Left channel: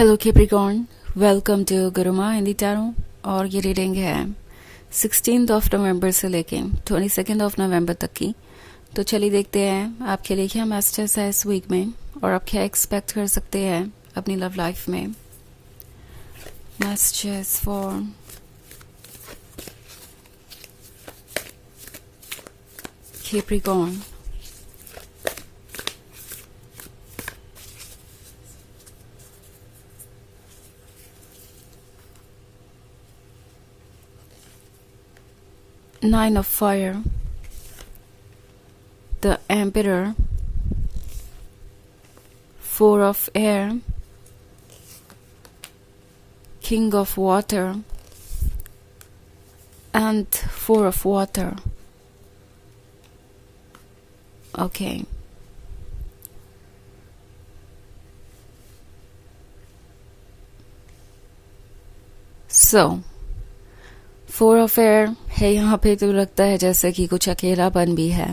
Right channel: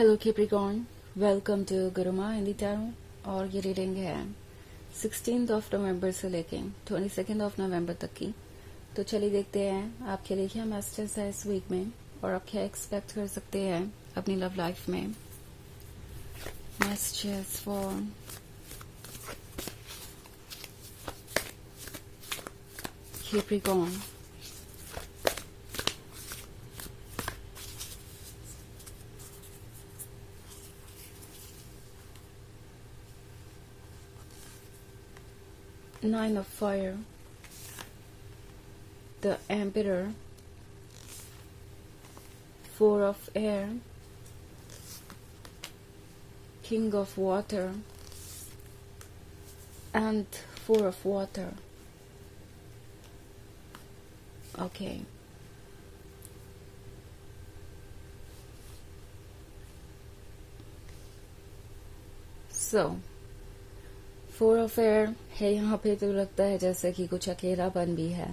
Hello Capricorn, welcome to Guruma Hindi tarot. और ये reading है 16 नवंबर से लेके 22 नवंबर तक की। तो चलिए देखते हैं आपके लिए क्या मैसेजेस है इस वीक में और आप क्या एक्सपेक्ट कर सकते हैं अपनी लव लाइफ में। Messages for Capricorn. Nine of Fire, the Emperor, Four of Air, King of Water, and Four of Water. Okay. So, four of air है यहाँ पे। तो लगता है जैसे कि कुछ अकेलापन भी है,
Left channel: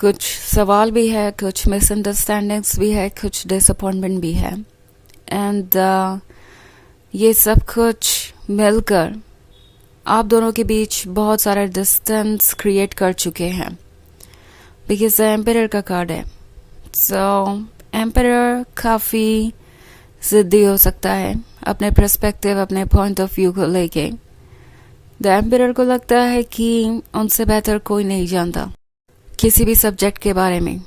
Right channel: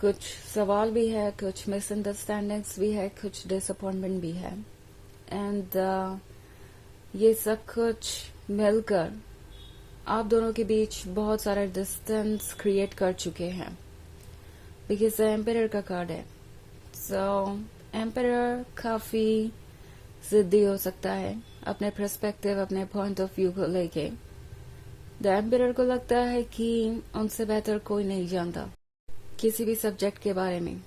कुछ सवाल भी है, कुछ मिसअंडरस्टैंडिंग्स भी है, कुछ डिसअपॉइंटमेंट भी है। एंड ये सब कुछ मिलकर आप दोनों के बीच बहुत सारा डिस्टेंस क्रिएट कर चुके हैं, बिकॉज एम्परर का कार्ड है। सो एम्परर काफ़ी ज़िद्दी हो सकता है अपने पर्सपेक्टिव, अपने पॉइंट ऑफ व्यू को लेके। द एम्परर को लगता है कि उनसे बेहतर कोई नहीं जानता किसी भी सब्जेक्ट के बारे में,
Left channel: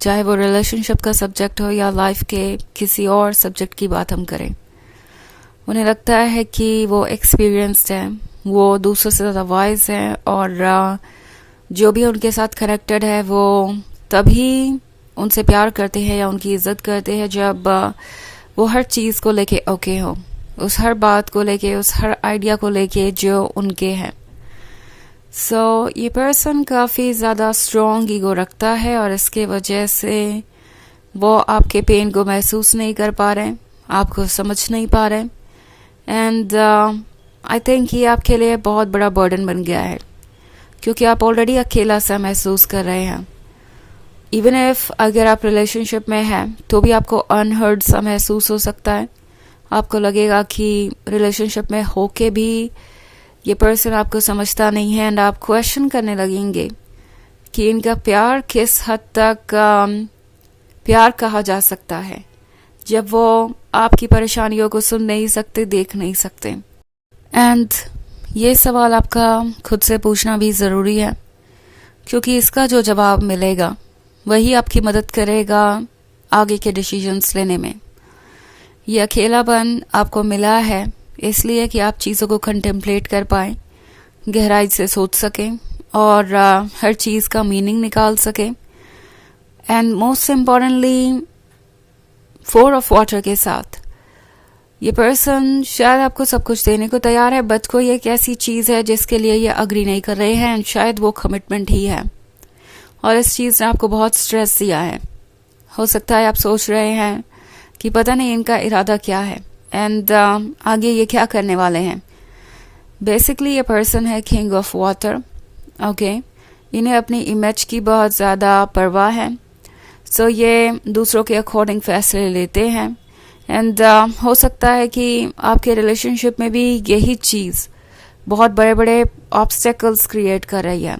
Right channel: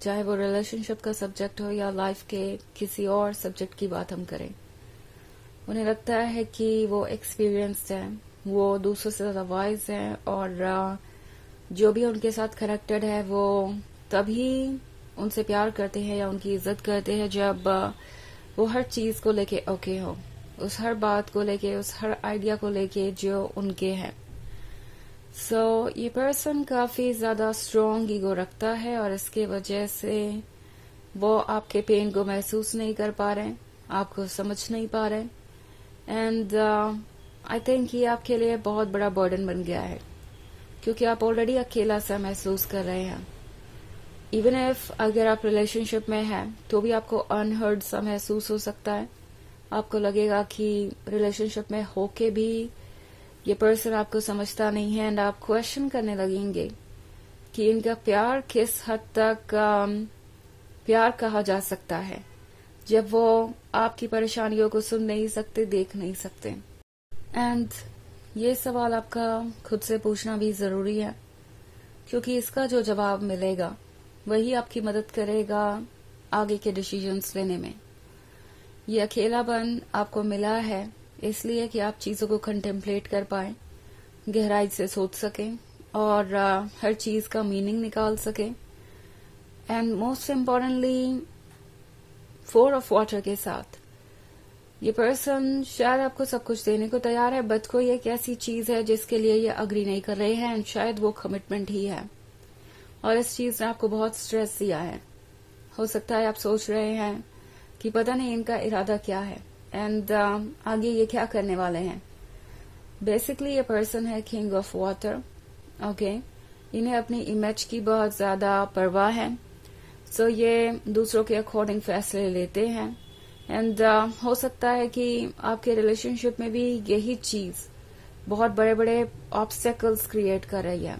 चाहे वो रिलेशनशिप का सब्जेक्ट हो या लाइफ के किसी और सब्जेक्ट की बात हम करें। उन्हें लगता है कि वो एक्सपीरियंस्ड है, वो दूसरों से ज़्यादा वाइज है, और जो भी उनके साथ कनेक्टेड है वो तभी उनसे प्यार करते हैं या उनकी इज्जत करते हैं जब वो हर चीज़ को लेके ओके हो, उस हर बात को लेके, उस हर आइडिया को लेके जो उनके हैं। सो ये पर्सन काफ़ी ज़्यादा स्ट्रॉन्ग ईगो रखता है और इसके वजह से वो आपके पेन को महसूस नहीं कर पा रहे, आपको समझ नहीं पा रहे। एंड आई थिंक ये आपके लिए बहुत बड़ा बर्डन बन गया है, क्योंकि आप ऑलरेडी अकेला सा महसूस कर रहे हैं। इवन इफ अगर आप रिलेशनशिप में हैं तो भी आपको अनहर्ड सा महसूस हो सकता है। आपको लगेगा कि रिलेशनशिप में होके भी ये पर्सन आपको समझता नहीं है, एंड आप क्वेश्चन करने लगेंगे कि इनका प्यार किस हद तक प्यार कहा जा सकता है जब वो आपकी परेशानियों को सुन नहीं सकते, देख नहीं सकते। एंड ये सवाल आपका खुद से पूछना भी ज़रूरी है, क्योंकि इसका जो जवाब मिलेगा वही आपकी मदद करेगा आगे के डिसीजंस लेने में। ये अकेलापन आपको मिला है इसलिए कि आप चीज़ों को कंटेम्पलेट कर पाएँ, गहराई से सोच सकें और हर चीज़ का मीनिंग निकाल सकें। And most importantly four of water के साथ ये पर्सन शायद आपको सब कुछ देने को तैयार है, बट कोई एक ऐसी चीज़ है जिसके लिए ये अग्री नहीं कर रहे हैं, एंड शायद वो कमिटमेंट ही है। और इस चीज़ ने आपको बहुत स्ट्रेस दिया है। हो सकता है आप सोच रहे हैं कि पता नहीं इनका इरादा क्या है, एंड आगे ये क्या करने वाले हैं। बेसिकली ये पर्सन है किंग ऑफ वाटर। ओके, इन्हें अपनी इमेज की बहुत ज़्यादा परवाह है। सो ये दूसरों के अकॉर्डिंग फैसले लेते हैं, एंड हो सकता है कि आपके रिलेशनशिप में भी यही चीज़ बहुत बड़े बड़े ऑब्स्टेकल्स क्रिएट कर रही है।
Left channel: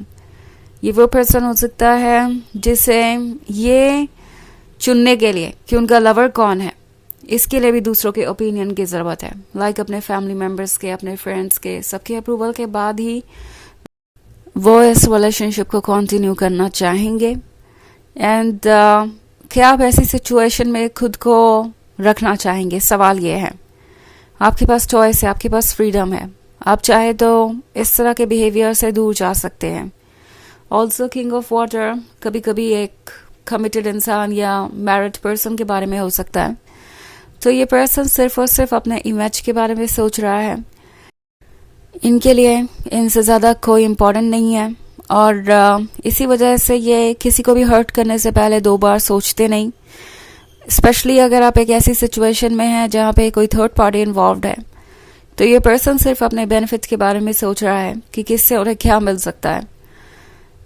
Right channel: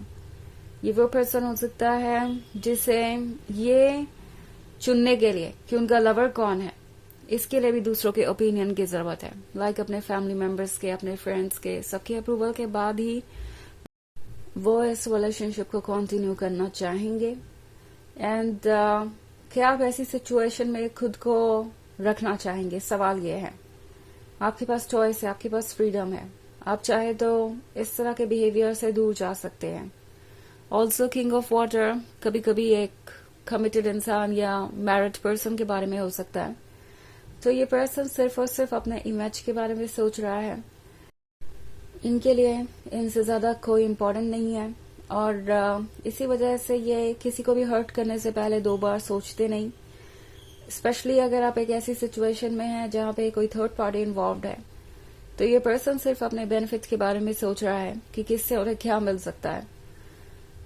ये वो पर्सन हो सकता है जिसे ये चुनने के लिए कि उनका लवर कौन है, इसके लिए भी दूसरों के ओपिनियन की ज़रूरत है। लाइक अपने फैमिली मेम्बर्स के, अपने फ्रेंड्स के, सबके अप्रूवल के बाद ही वो इस रिलेशनशिप को कंटिन्यू करना चाहेंगे। एंड क्या आप ऐसी सिचुएशन में खुद को रखना चाहेंगे, सवाल ये है। आपके पास चॉइस है, आपके पास फ्रीडम है, आप चाहे तो इस तरह के बिहेवियर से दूर जा सकते हैं। ऑल्सो किंग ऑफ वाटर कभी कभी एक कमिटेड इंसान या मैरिड पर्सन के बारे में हो सकता है। तो ये पर्सन सिर्फ और सिर्फ अपने इमेज के बारे में सोच रहा है। इनके लिए इनसे ज़्यादा कोई इम्पोर्टेंट नहीं है, और इसी वजह से ये किसी को भी हर्ट करने से पहले 2 बार सोचते नहीं। स्पेशली अगर आप एक ऐसी सिचुएशन में हैं जहाँ पे कोई थर्ड पार्टी इन्वॉल्व है, तो ये पर्सन सिर्फ अपने बेनिफिट के बारे में सोच रहा है कि किससे उन्हें क्या मिल सकता है।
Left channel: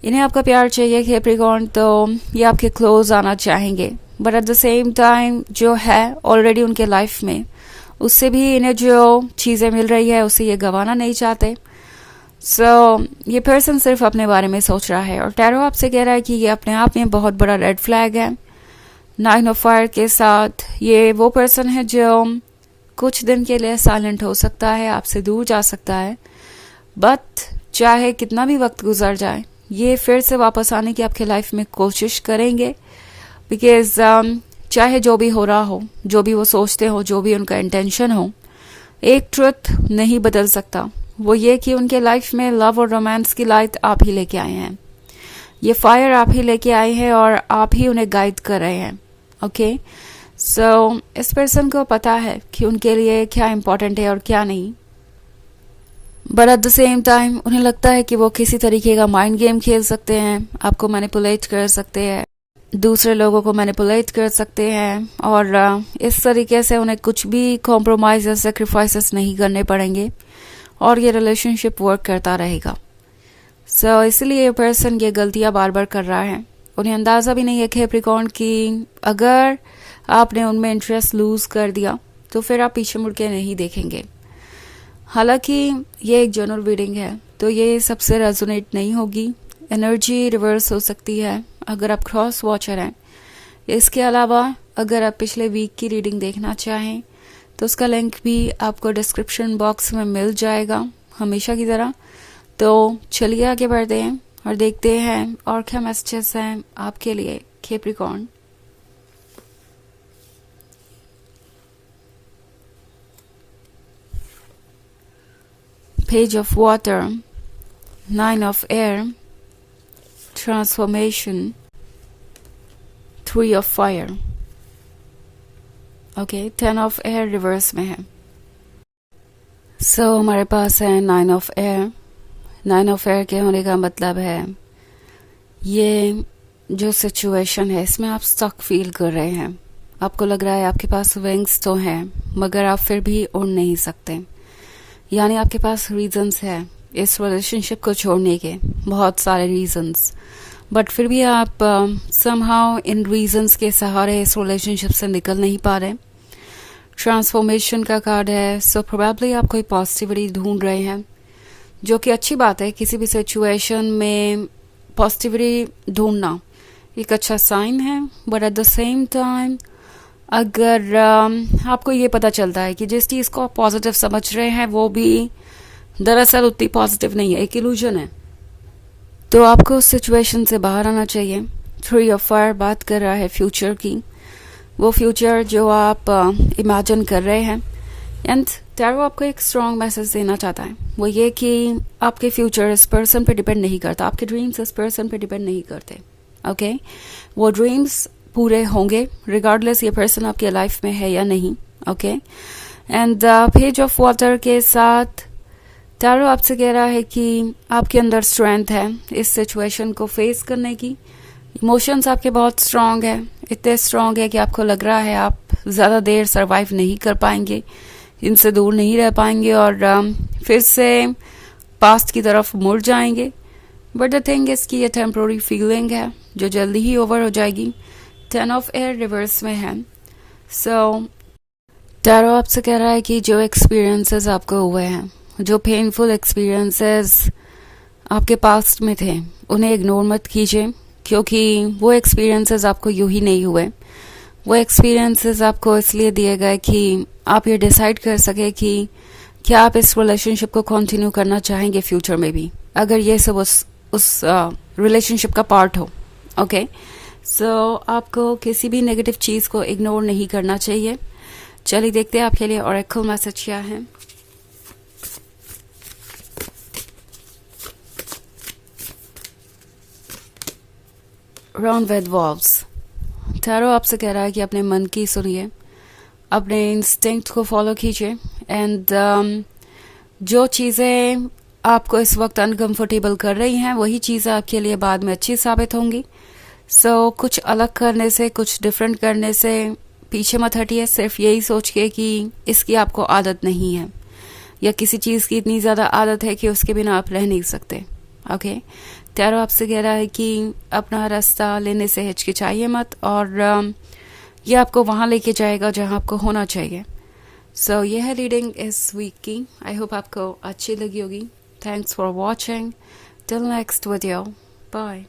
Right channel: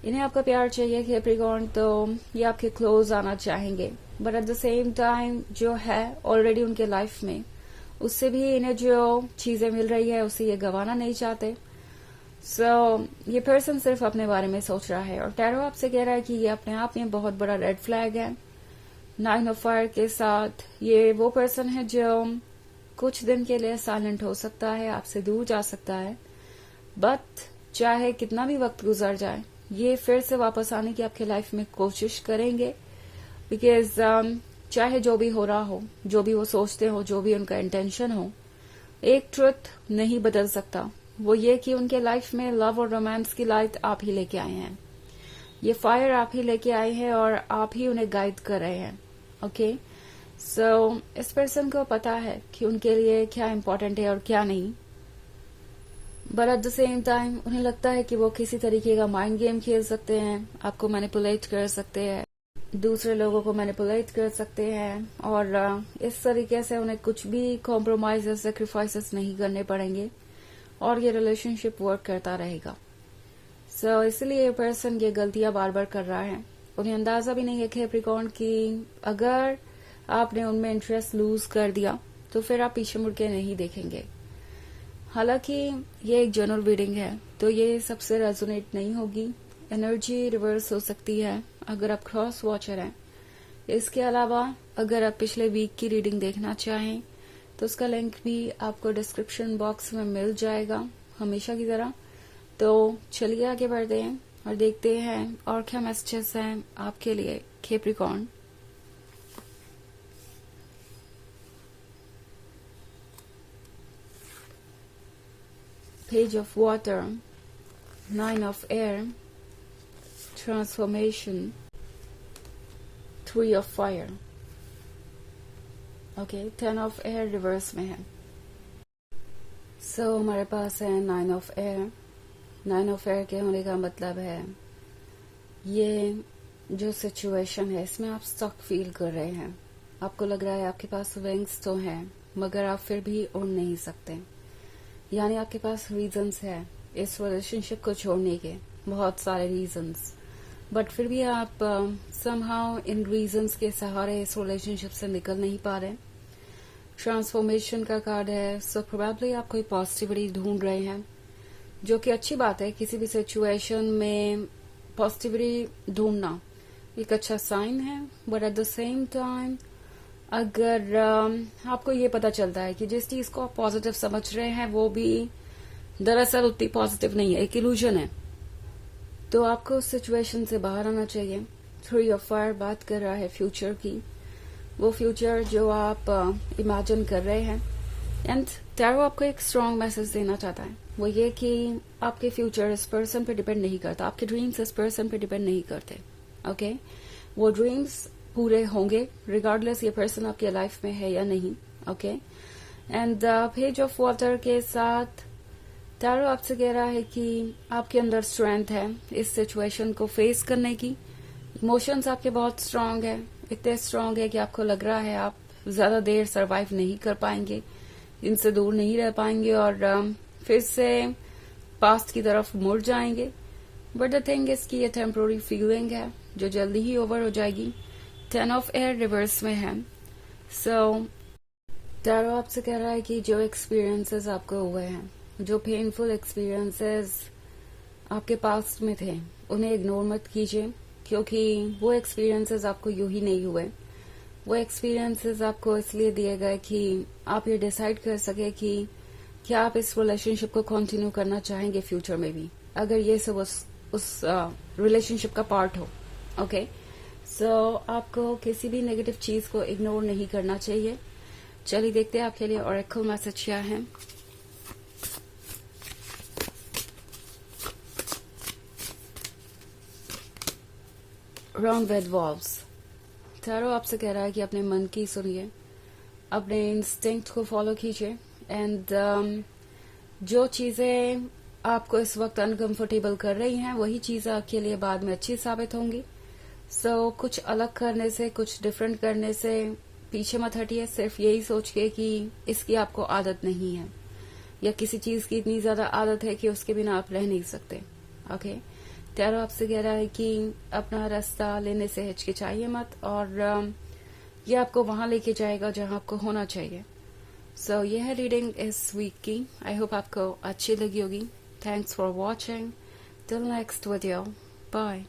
इन्हें आपका प्यार चाहिए कैप्रिकॉर्न, तो ये आपके क्लोज आना चाहेंगे, but at the same time जो है ऑलरेडी उनके लाइफ में, उससे भी इन्हें जो चीज़ें मिल रही है उसे ये गंवाना नहीं चाहते. सो ये पर्सन सिर्फ अपने बारे में सोच रहा है. और टैरो आपसे कह रहा है कि ये अपने आप में बहुत बड़ा रेड फ्लैग है. 9 ऑफ फायर के साथ ये वो पर्सन है जो कुछ दिन के लिए साइलेंट हो सकता है, आपसे दूर जा सकता है, बट चाहे कितना भी वक्त गुजर जाए ये फिर से वापस आने की आपके लाइफ में कोशिश करेंगे. बिकॉज चाहे जो भी हो रहा हो, जो भी वो सोचते हो, जो भी उनका इंटेंशन हो, एक ट्रुथ नहीं बदल सकता. वो ये कि उनके लाइफ में लव और रोमांस की लाइट आप ही लेके आए हैं. ये फायर आप ही लेके आए हैं और आप ही उन्हें गाइड कर रहे हैं. ओके, सो इस पर्सन को पता है कि उनके लिए क्या इम्पोर्टेंट है और क्या नहीं. But at the same time उन्हें लगता है कि वो किसी तरीके का माइंड गेम खेल सकते हैं, आपको मैनिपुलेट कर सकते हैं, दूसरे लोगों को मैनिपुलेट कर सकते हैं, और इस तरीके से उन्हें कुछ भी कॉम्प्रोमाइज या सेक्रीफाइसेस नहीं करने पड़ेंगे और ये रिलेशनशिप वर्क करता रहेगा. सो इसलिए ये पर्सन ये गलतियां बार बार कर रहा है. उन्हें अंदाज़ा भी नहीं है कैप्रिकॉर्न कि अगर आपने उनमें इंटरेस्ट लूज कर दिया तो फिर आप पीछे मुड़ के नहीं देखेंगे. हालांकि ये एक जनरल रीडिंग है तो ये सबसे रेजोनेट नहीं होगी. एनर्जी रिवर्स हो सकती है अगर आप क्रॉस वॉचर हैं. इसके अलावा अगर आप पिछले वीक की रीडिंग देखना चाहें तो उसका लिंक भी आपको डिस्क्रिप्शन बॉक्स में मिल जाएगा हमेशा की तरह. तो चलिए आगे बढ़ते हैं और देखते हैं और क्या मैसेजेस हैं आपके लिए Capricorn. Page of Water, 9 of Air, Transformation, 3 of Fire. Okay, 10 of Air reverse में है. So हमारे पास है 9 of Air. 9 of Air के होने का मतलब है ये जो सिचुएशन है इसमें आप स्टक फील कर रहे हैं. आपको लग रहा है आपके पास विंग्स तो हैं मगर आप फिर भी उड़ नहीं सकते. यानी आपके पास रीजंस है इस रिलेशनशिप को छोड़ने के, बहुत सारे रीजंस, बट फिर भी आप समहाउ इन रीजंस के सहारे इस रिलेशनशिप से निकल नहीं पा रहे. ट्रांसफॉर्मेशन का कार्ड है. सो प्रोबेबली आप कोई पॉजिटिविटी ढूंढ रहे हैं, जो कि अच्छी बात है. किसी भी सिचुएशन में पॉजिटिविटी ढूंढना एक अच्छा साइन है. But at the same time अगर आपको ये पता चलता है कि जिस चीज़ को आप पॉजिटिव समझ रहे हैं वो भी दरअसल उतनी पॉजिटिव नहीं है, एक इल्यूजन है, तो आपको उस सिचुएशन से बाहर आना चाहिए. 3 ऑफ फायर बात कर रहा है फ्यूचर की. वो फ्यूचर जो आप इमेजिन कर रहे हैं. एंड टैरो आपको एक स्ट्रॉन्ग मैसेज देना चाहता है. वो ये कि आपके फ्यूचर इस पर्सन पे डिपेंड नहीं करता, आपके ड्रीम्स इस पर्सन पे डिपेंड नहीं करते. ओके, वो ड्रीम्स पूरे होंगे रिगार्डलेस ये पर्सन आपके लाइफ में है या नहीं. Okay, and page of water के साथ टैरो आपसे कह रहा है कि आपके अंदर स्ट्रेंथ है इस सिचुएशन को फेस करने की. इमोशंस आपके बहुत स्ट्रांग है, इतने स्ट्रांग है कि आपको लग रहा है आप ज़्यादा देर सरवाइव नहीं कर पाएंगे, इनसे दूर नहीं रह पाएंगे और फिर से पास्ट की तरफ मुड़ जाएंगे. बट द थिंग इज कि ये टेम्प्रोरी फीलिंग है जो जल्दी ही ओवर हो जाएगी. 10 ऑफ एयर रिवर्स में है. सो टैरो आपसे कह रहा है कि जो एक्सपीरियंसेस आपको हुए हैं, जो पेनफुल एक्सपीरियंसेस आपके पास्ट में थे, उन्हें इग्नोर मत कीजिए, क्योंकि वो एक्सपीरियंसेस आपको यूं ही नहीं हुए. वो एक्सपीरियंसेस आपको इसलिए दिए गए कि आप ये डिसाइड कर सके कि क्या आप इस रिलेशनशिप को कंटिन्यू करना चाहेंगे फ्यूचर में भी, अगर ये सब उस रिलेशनशिप का पार्ट हो. ओके, सो आपको किसी भी नेगेटिव चीज़ को इग्नोर नहीं करना चाहिए. चलिए देखते हैं आपके लिए ऑरेकल मैसेज क्या है. Round with valves. टैरो आपसे कह रहा है कि अपने मन की सुनिए, अपने इंस्टिंक्ट को फॉलो कीजिए. एंड जो चीज़ें आपको इस वक्त अनकंफर्टेबल कर रही हैं वही चीज़ें आपके लिए बाद में अच्छी साबित होंगी. सो कुछ अलग करने से, कुछ डिफरेंट करने से पीछे मत हटिए, सिर्फ यही सोच के कि इसकी आपको आदत नहीं है या किसी चीज़ की इतनी ज़्यादा आदत है कि उसके बिना आप रह नहीं सकते. ओके, टैरो आपसे कह रहा है कि अपना रास्ता लेने से हिचकिचाइए मत और ये आपको वहाँ लेके जाएगा जहाँ आपको होना चाहिए. सो यह है रीडिंग इस वीक की. आई होप आपको अच्छी लगी होगी. Thanks for watching. Till next video. Bye.